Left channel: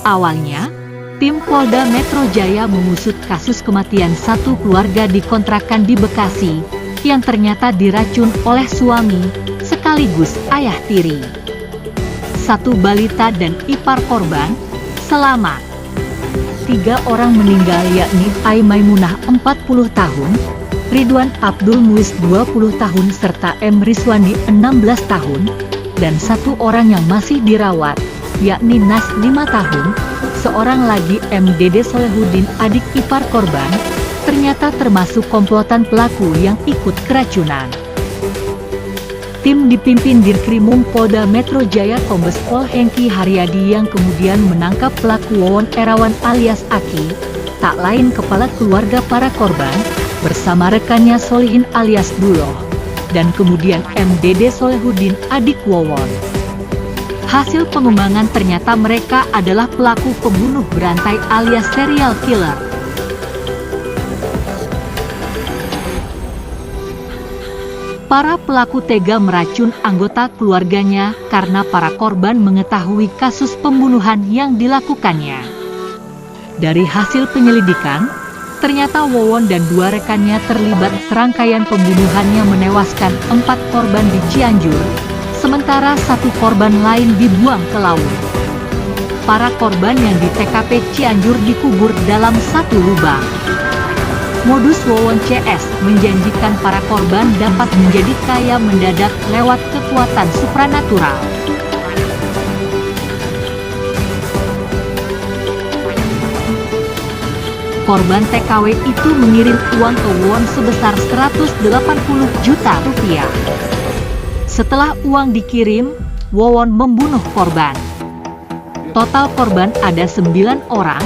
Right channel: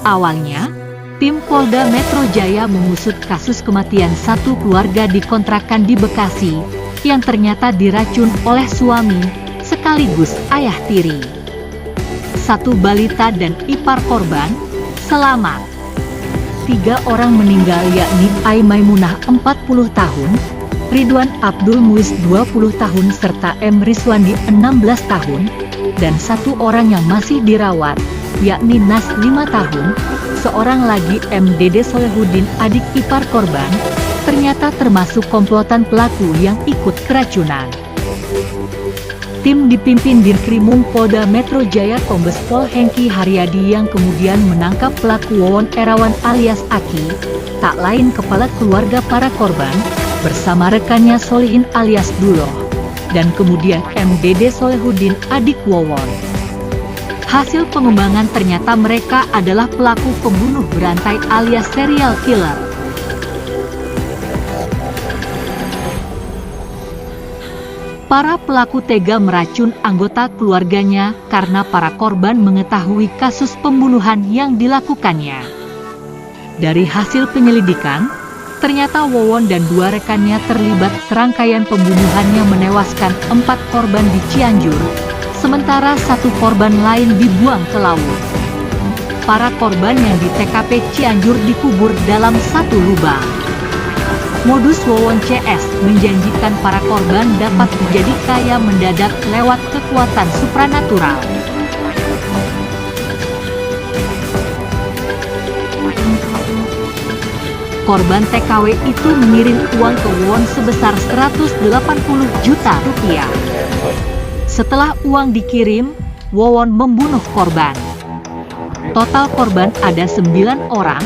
Awalnya, tim Polda Metro Jaya mengusut kasus kematian satu keluarga di kontrakan di Bekasi, yang ternyata diracun oleh suami, sekaligus ayah tiri. Satu balita dan ipar korban selamat. 3 orang meninggal yakni Ai Maimunah 40 tahun, Ridwan Abdul Muiz 20 tahun serta M. Rizwandi 16 tahun, dan 1 orang yang masih dirawat, yakni Nas 5 tahun, seorang lagi M. Dede Solehudin adik ipar korban, ternyata termasuk komplotan pelaku yang ikut keracunan. Tim dipimpin Dirkrimum Polda Metro Jaya Kombes Pol Hengki Haryadi yang kemudian menangkap pelaku Wawon Erawan alias Aki, tak lain kepala keluarga para korban, bersama rekannya Solihin alias Duloh, dan kemudian M. Dede Solehudin adik Wawon. Hasil pengembangan ternyata mereka adalah pelaku pembunuh berantai alias serial killer. Para pelaku tega meracun anggota keluarganya karena para korban mengetahui kasus pembunuhan yang dilakukannya. Dari hasil penyelidikan, ternyata Wawon dan 2 rekannya terlibat serangkaian pembunuhan yang menewaskan 4 korban di Cianjur, sementara 1 korban lain dibuang ke laut. Para korban yang di TKP Cianjur dikubur dalam 1 lubang. Modus Wawon CS menjanjikan para korban dapat menjadi kaya mendadak lewat kekuatan supranatural. Korban TKW itu mengirim uang ke Wawon sebesar 180 juta rupiah. Setelah uang dikirim, Wawon membunuh korban. Total korban ada 9 orang,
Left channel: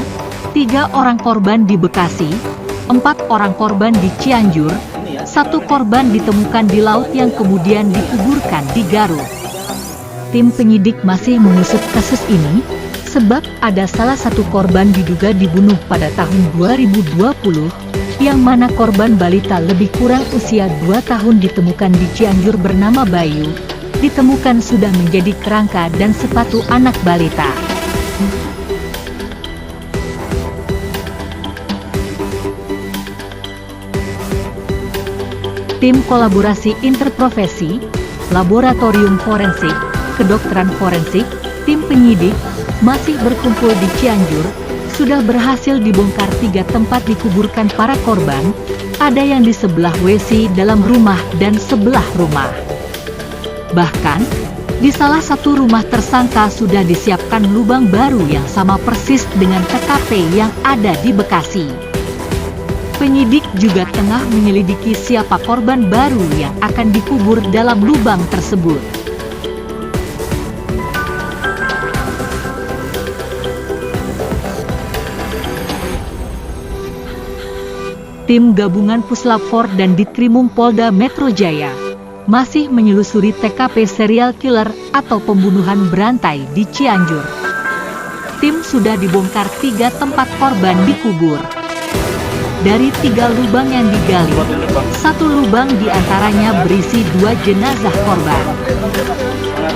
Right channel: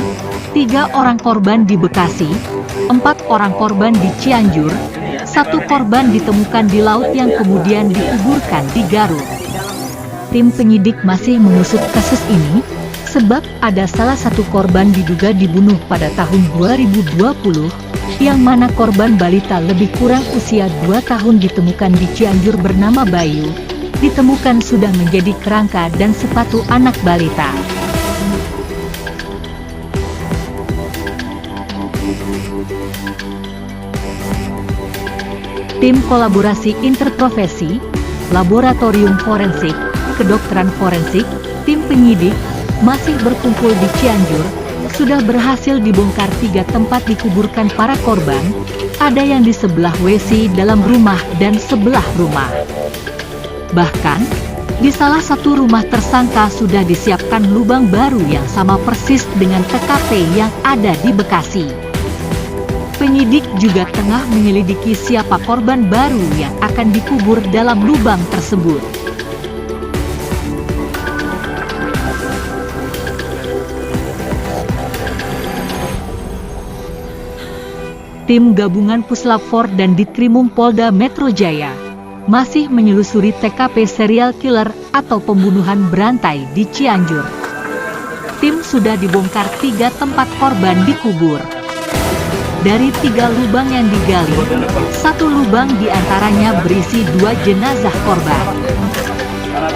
3 orang korban di Bekasi, 4 orang korban di Cianjur, 1 korban ditemukan di laut yang kemudian dikuburkan di Garut. Tim penyidik masih mengusut kasus ini, sebab ada salah satu korban diduga dibunuh pada tahun 2020, yang mana korban balita lebih kurang usia 2 tahun ditemukan di Cianjur bernama Bayu, ditemukan sudah menjadi kerangka dan sepatu anak balita. Tim kolaborasi interprofesi, laboratorium forensik, kedokteran forensik, tim penyidik, masih berkumpul di Cianjur, sudah berhasil dibongkar 3 tempat dikuburkan para korban, ada yang di sebelah WC dalam rumah dan sebelah rumah. Bahkan, di salah satu rumah tersangka sudah disiapkan lubang baru yang sama persis dengan TKP yang ada di Bekasi. Penyidik juga tengah menyelidiki siapa korban baru yang akan dikubur dalam lubang tersebut. Tim gabungan Puslap 4 dan Ditkrimum Polda Metro Jaya masih menyelusuri TKP serial killer atau pembunuhan berantai di Cianjur. Tim sudah dibongkar 3 tempat korban dikubur. Dari 3 lubang yang digali, 1 lubang diantaranya berisi 2 jenazah korban.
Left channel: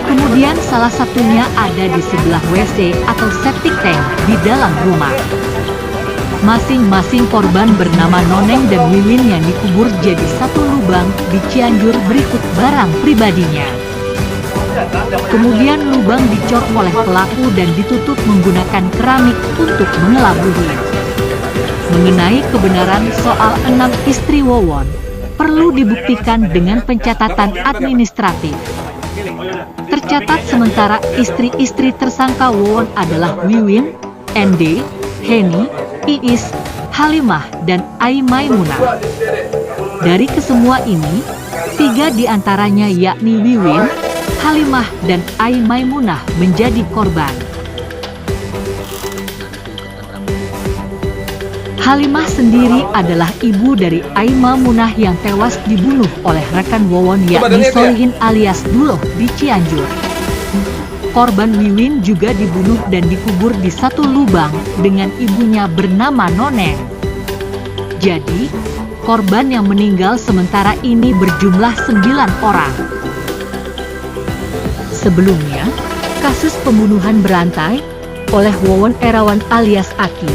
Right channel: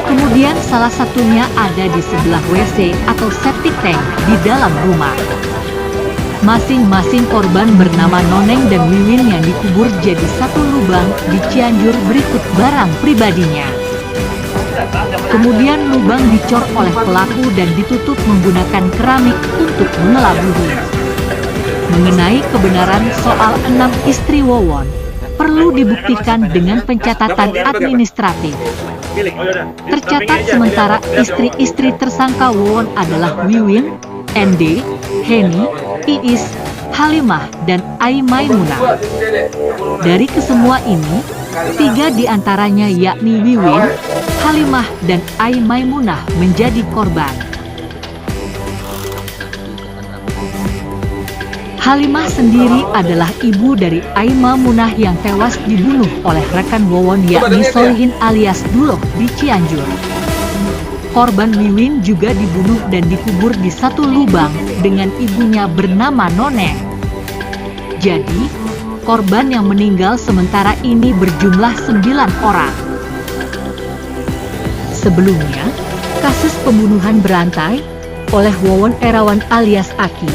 Kemudian salah satunya ada di sebelah WC atau septic tank di dalam rumah. Masing-masing korban bernama Noneng dan Wiwin yang dikubur jadi 1 lubang di Cianjur berikut barang pribadinya. Kemudian lubang dicor oleh pelaku dan ditutup menggunakan keramik untuk mengelabui. Mengenai kebenaran soal 6 istri Wawon, perlu dibuktikan dengan pencatatan administratif. Tercatat sementara istri-istri tersangka Wawon adalah Wiwin, ND, Heni, Iis, Halimah, dan Ai Maimunah. Dari kesemua ini, 3 diantaranya yakni Wiwin, Halimah, dan Ai Maimunah menjadi korban. Halimah sendiri adalah ibu dari Ai Maimunah yang tewas dibunuh oleh rekan Wawon yakni Solihin alias Duloh di Cianjur. Korban Wiwin juga dibunuh dan dikubur di 1 lubang dengan ibunya bernama Noneng. Jadi, korban yang meninggal sementara ini berjumlah 9 orang. Sebelumnya, kasus pembunuhan berantai oleh Wawon Erawan alias Aki,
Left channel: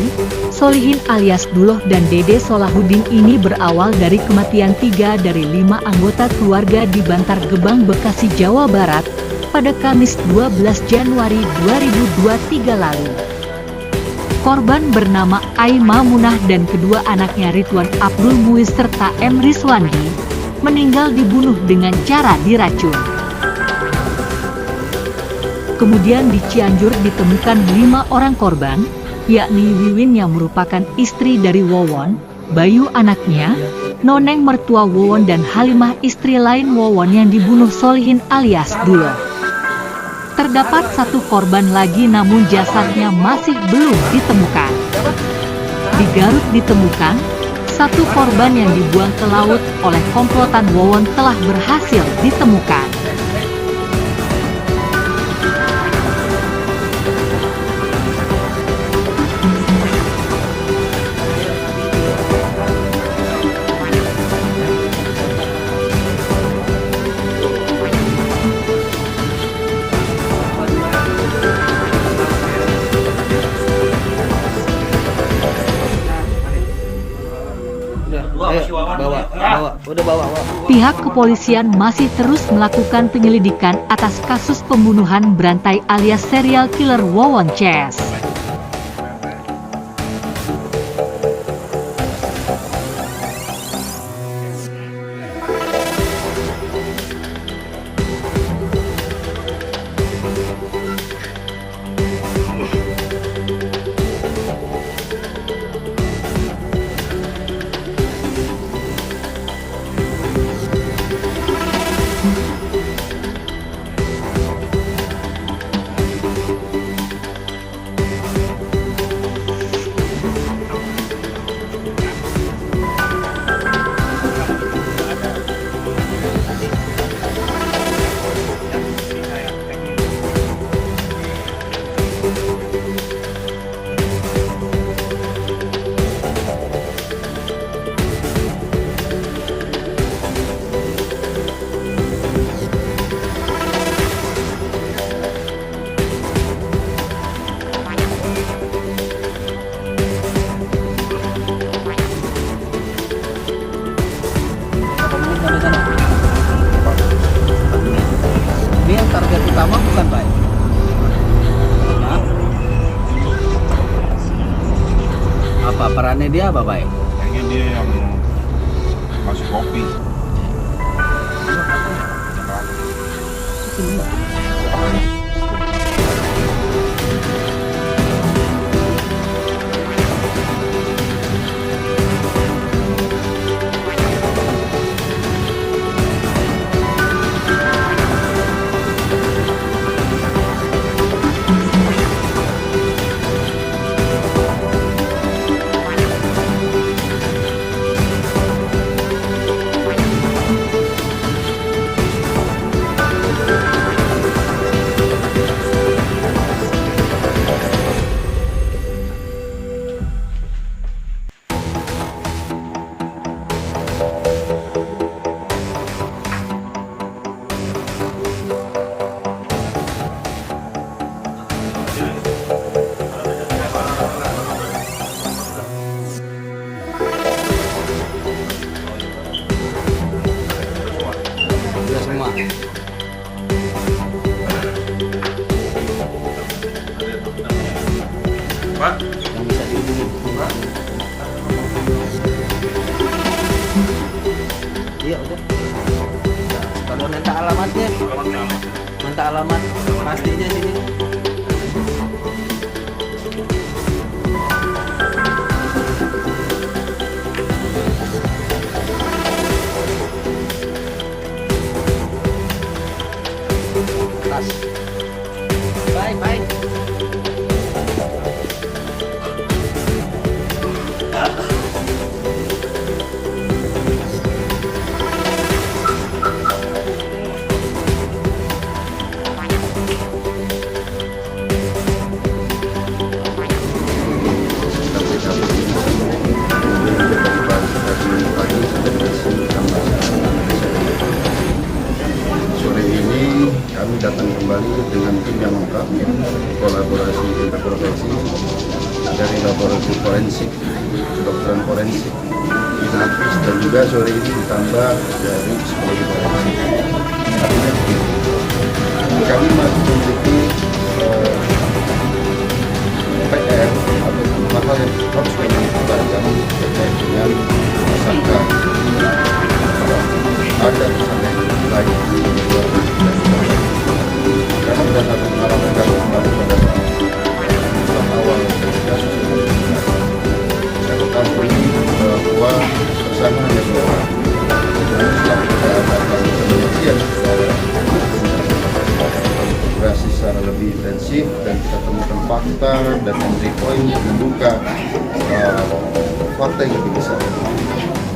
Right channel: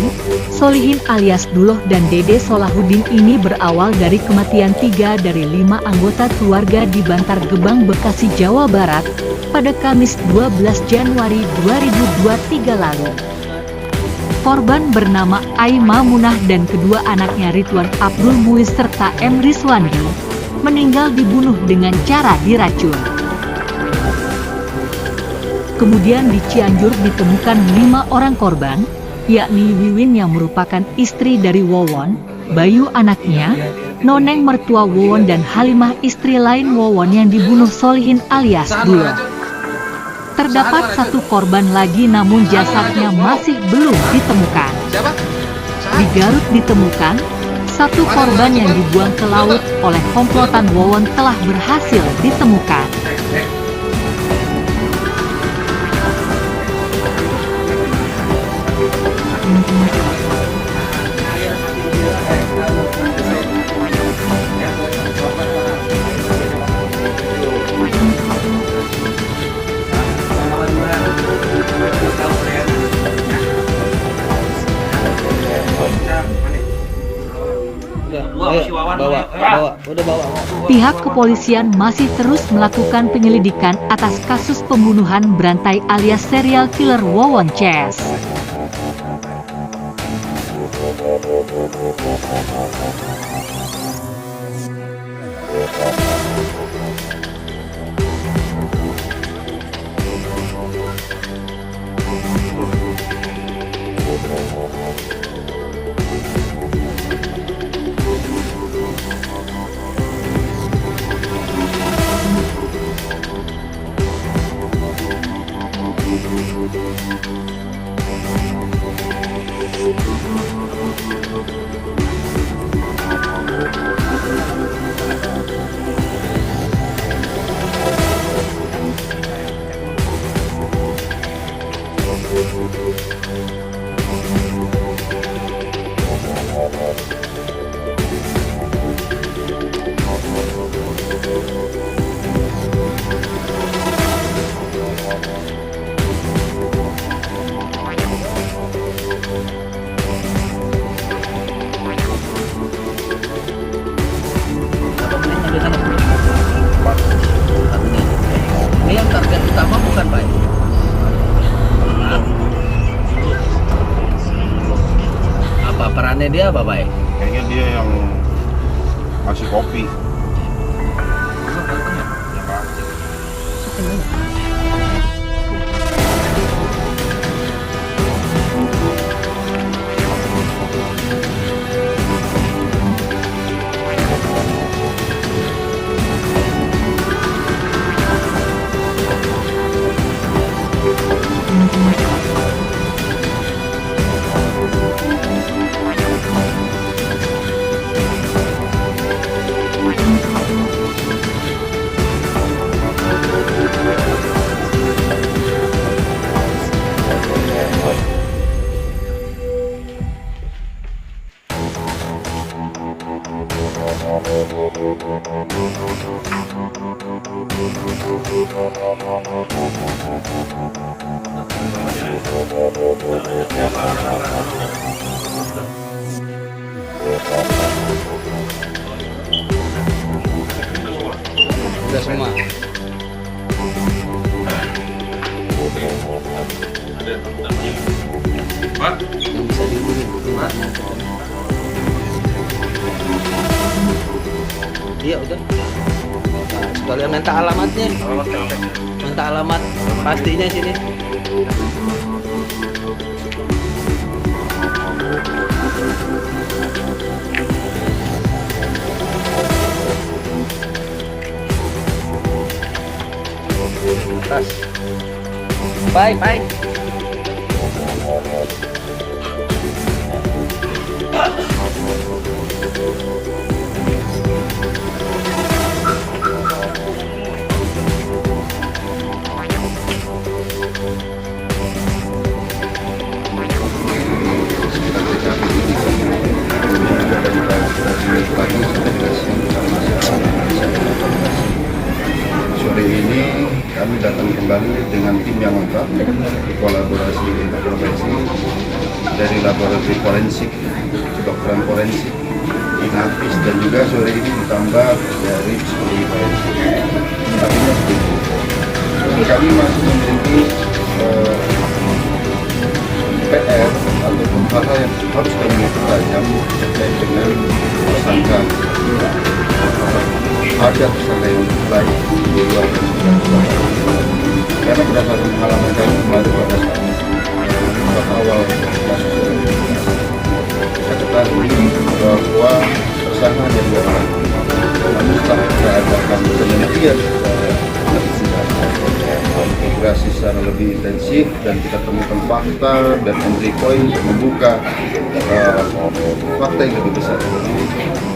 Solihin alias Duloh dan Dede Solahuddin ini berawal dari kematian 3 dari 5 anggota keluarga di Bantar Gebang, Bekasi, Jawa Barat, pada Kamis 12 Januari 2023 lalu. Korban bernama Aima Munah dan kedua anaknya Ridwan Abdul Muiz serta M. Rizwandi, meninggal dibunuh dengan cara diracun. Kemudian di Cianjur ditemukan 5 orang korban, yakni Wiwin yang merupakan istri dari Wawon, Bayu anaknya, Noneng mertua Wawon dan Halimah istri lain Wawon yang dibunuh Solihin alias Duloh. Terdapat 1 korban lagi namun jasadnya masih belum ditemukan. Di Garut ditemukan 1 korban yang dibuang ke laut oleh komplotan Wawon telah berhasil ditemukan. Pihak kepolisian masih terus melakukan penyelidikan atas kasus pembunuhan berantai alias serial killer Wawon Ces. Ini yang target utama bukan Pak? Apa perannya dia apa Pak? Kayaknya dia yang ngasih kopi. Sudah semua. Pak, Yang bisa dihubungin minta telepon. Iya udah. Nah, sekalian minta alamatnya. Minta alamat pastinya sini. Tas. Bye, bye. sore ini kami kami datang kembali dengan tim yang lengkap, kolaborasi lintas profesi dari laboratorium forensik, kedokteran forensik, inavis, dan juga sore ini ditambah dari psikologi forensik. Artinya begini, kami masih memiliki PR ataupun hal-hal yang harus kami tajam terkait dengan tersangka. Ada tersangka yang baik di luar yang kita sudah lakukan. Karena berdasarkan pengalaman kami kemarin pada awal kasus ini, kita ketahui bahwa tersangka hanya 2 orang. Namun setelah kita adakan penelitian secara integrasi secara lebih intensif dan kita temukan fakta dan entry point untuk membuka fakta yang lebih besar.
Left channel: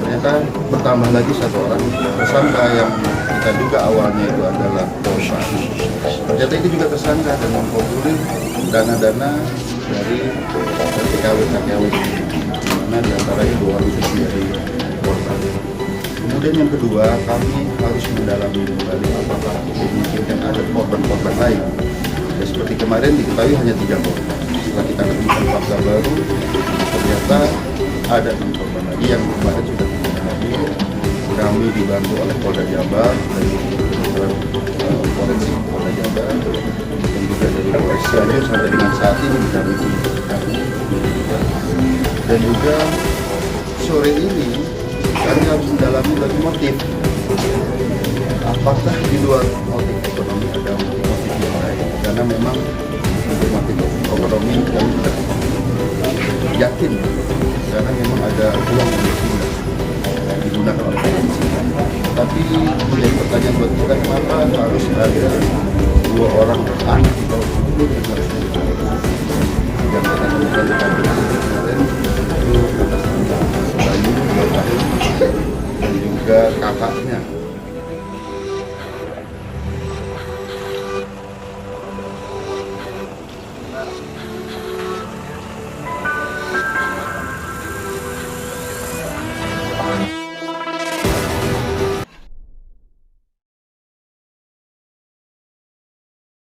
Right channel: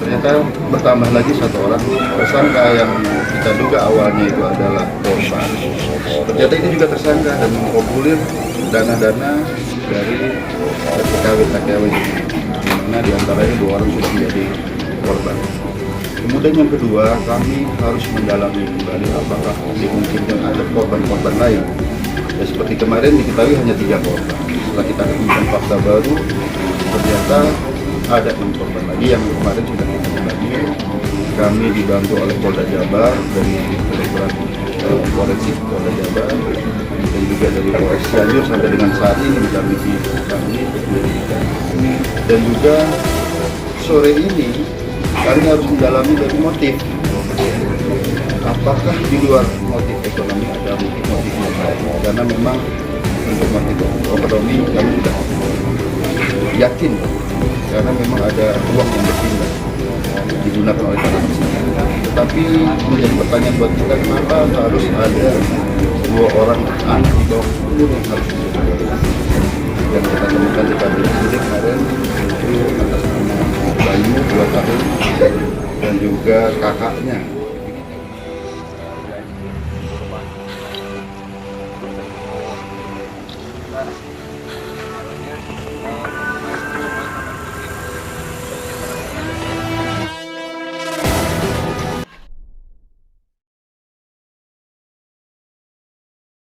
Ternyata bertambah lagi 1 orang tersangka yang kita duga awalnya itu adalah korban. Ternyata ini juga tersangka dan mengkomulir dana-dana dari TKW-TKW ini, di mana diantaranya 2 orang sudah menjadi korban. Kemudian yang kedua, kami harus mendalami kembali apakah dimungkinkan ada korban-korban lain. Dan seperti kemarin diketahui hanya 3 korban. Setelah kita menemukan fakta baru, ternyata ada 6 korban lagi yang kemarin sudah kita lagi. Kami dibantu oleh Polda Jabar dari forensik Polda Jabar dan juga dari Polres Cianjur sampai dengan saat ini di kami penyelidikan. Dan juga sore ini kami harus mendalami dari motif. Apakah di luar motif ekonomi ada motif yang lain? Karena memang untuk motif ekonomi kami tidak yakin, karena memang ada uang yang berpindah digunakan oleh para tersangka. Tapi menjadi pertanyaan buat kita, kenapa harus ada 2 orang anak di bawah 10 yang harus diberikan? Yang kita temukan di kabinet ini kemarin itu atas nama Bayu 2 tahun dan juga kakaknya